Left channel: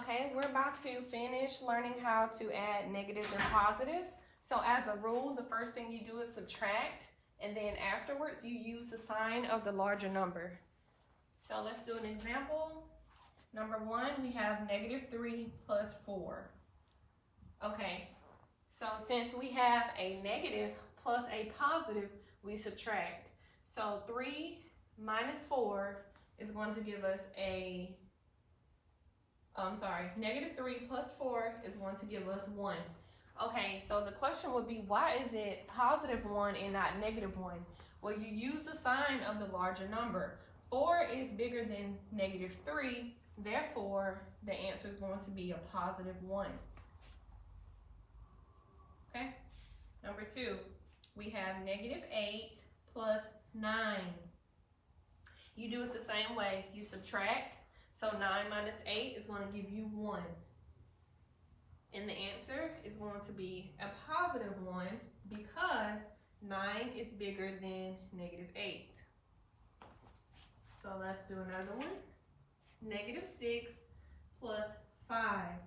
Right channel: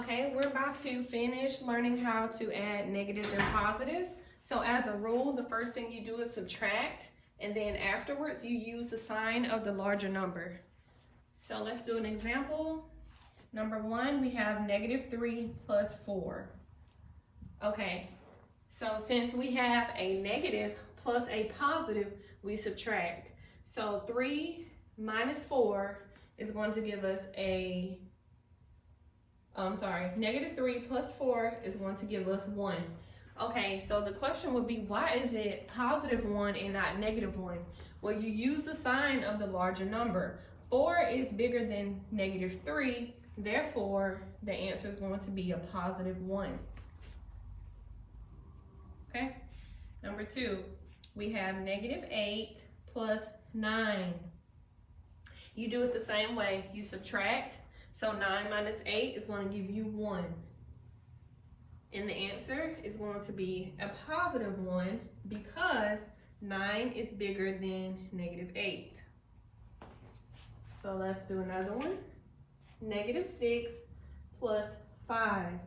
Okay, we're about to finish learning how to add negatives and positives. So as a rule, the first thing you do is subtract, and then afterwards you use the sign of the larger number. So let's do an example. Number 1, we have -3 plus 4. Okay, so since we have a negative plus a positive, we subtract. So 3 minus 4 is going to give us a -3 plus 4 is going to give us 1. Okay, so the question would be, why is it +1 and not -1? Well, you use the sign of the larger number. 4 is bigger than -3, therefore the answer is going to be a +1. Okay, number 2, we have -8 plus 9. You do it the same way, you subtract. So 9 minus 8 is going to give you 1. And the answer is going to be a +1 because 9 is bigger than -8. So let's do another one. -6 plus 5.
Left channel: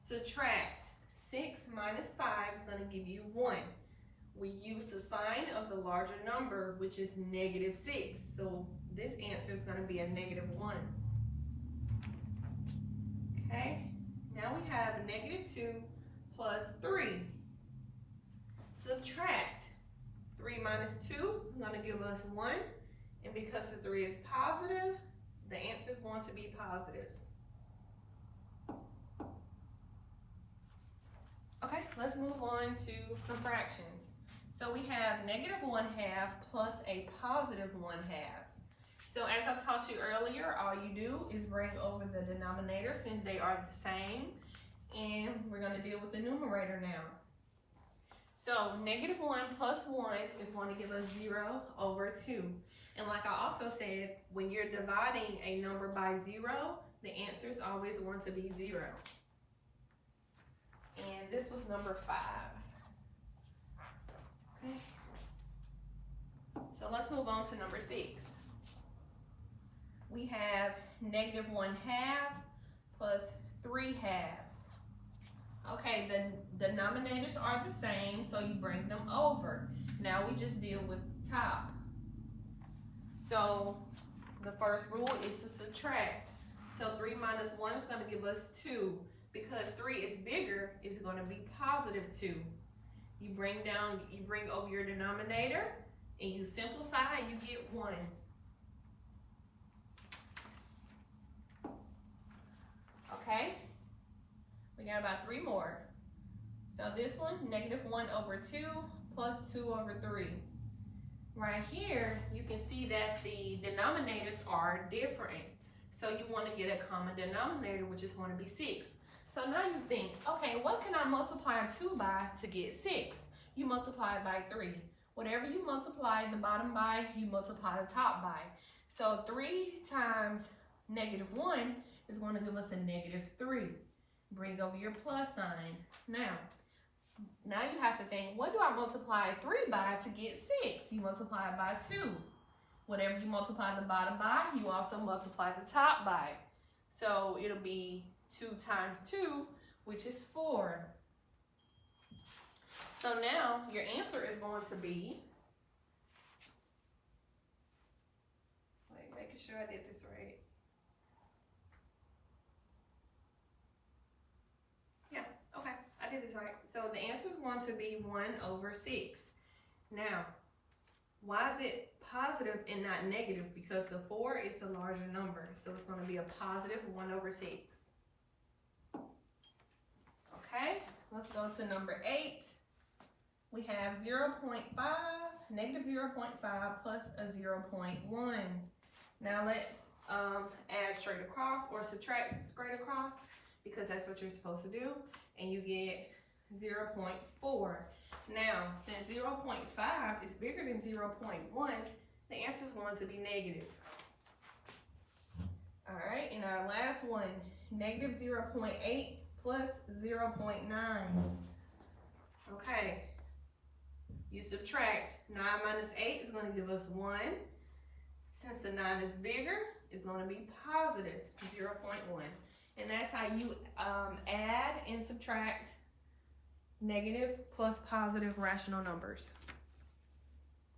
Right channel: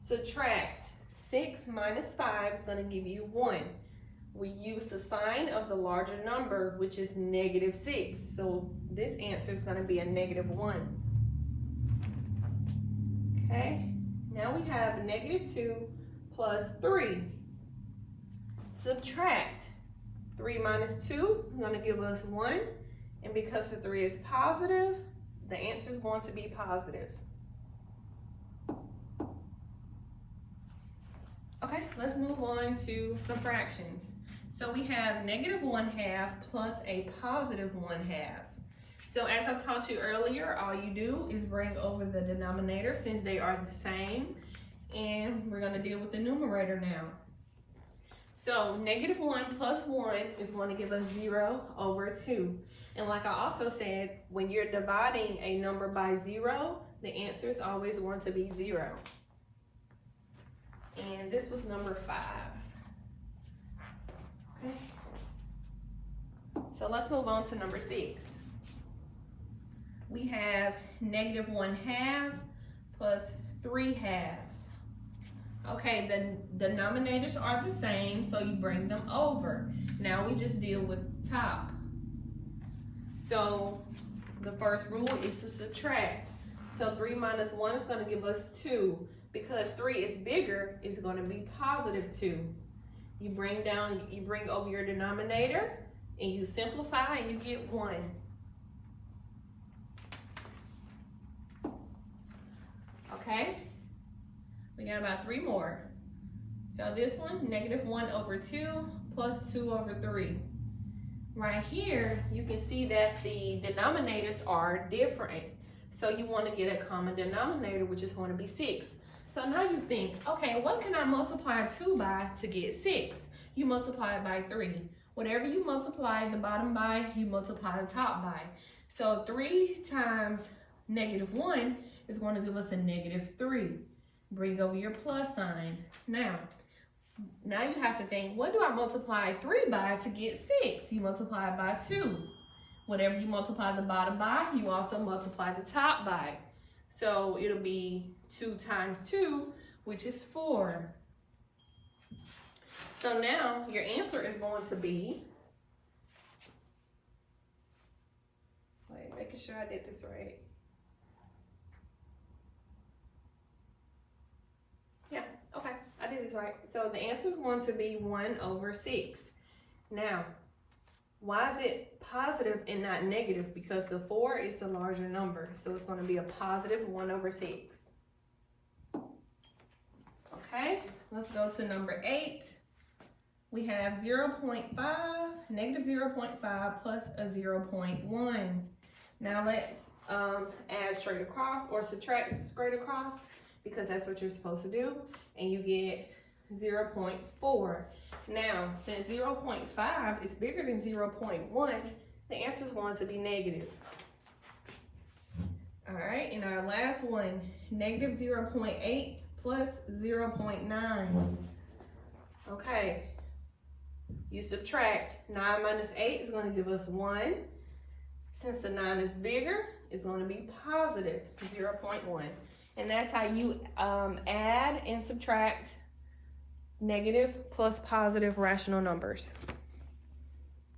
Subtract. 6 minus 5 is going to give you 1. We use the sign of the larger number, which is -6. So this answer is going to be a -1. Okay, now we have -2 plus 3. Subtract. 3 minus 2 is going to give us 1. And because the 3 is positive, the answer is going to be positive. Okay, let's move on to some fractions. So we have -1/2 plus a +1/2. So as I taught you earlier, all you do is bring over the denominator since they are the same. And we're going to deal with the numerator now. So -1 plus 1 is going to give us 0/2. And like I also said, when you're dividing a number by 0, the answer is always going to be 0. And this was number 5. Okay. So let's move on to number 6. We have -1/2 plus 3/2. Okay, the denominators are the same, so you bring them over. Now we just deal with top. So the first rule is to subtract. So 3 minus 1 is going to give us 2. Because 3 is bigger, it's going to be +2. You bring over your denominator, and you simplify, and you get 1. Okay, we got about 3 more. So this one, -1/2 plus 2/3. Right here, you can see that the denominators are different. So you want to get a common denominator, which is going to be 6. So now you think, okay, what can I multiply 2 by to get 6? You multiply it by 3. Whatever you multiply the bottom by, you multiply the top by. So 3 times -1 is going to give us a -3. Bring over your plus sign. Now you have to think, what do I multiply 3 by to get 6? You multiply it by 2. Whatever you multiply the bottom by, you also multiply the top by. So it'll be 2 times 2, which is 4. So now your answer is going to be, making sure I did this right. Yeah, okay, I did this right. So the answer is going to be 1/6. Now, why is it positive and not negative? Because the 4 is the larger number, so it's going to be a +1/6. Okay, let's go to number 8. We have -0.5 plus a 0.1. Now let's add straight across or subtract straight across, because that's what you're supposed to do, and you get 0.4. Now, since 0.5 is bigger than 0.1, the answer is going to be negative. All right, and our last one, -0.8 plus 0.9. Okay, you subtract. 9 minus 8 is going to give us 1. Since the 9 is bigger, it's going to be positive 0.1. And that's how you add and subtract negative plus positive rational numbers.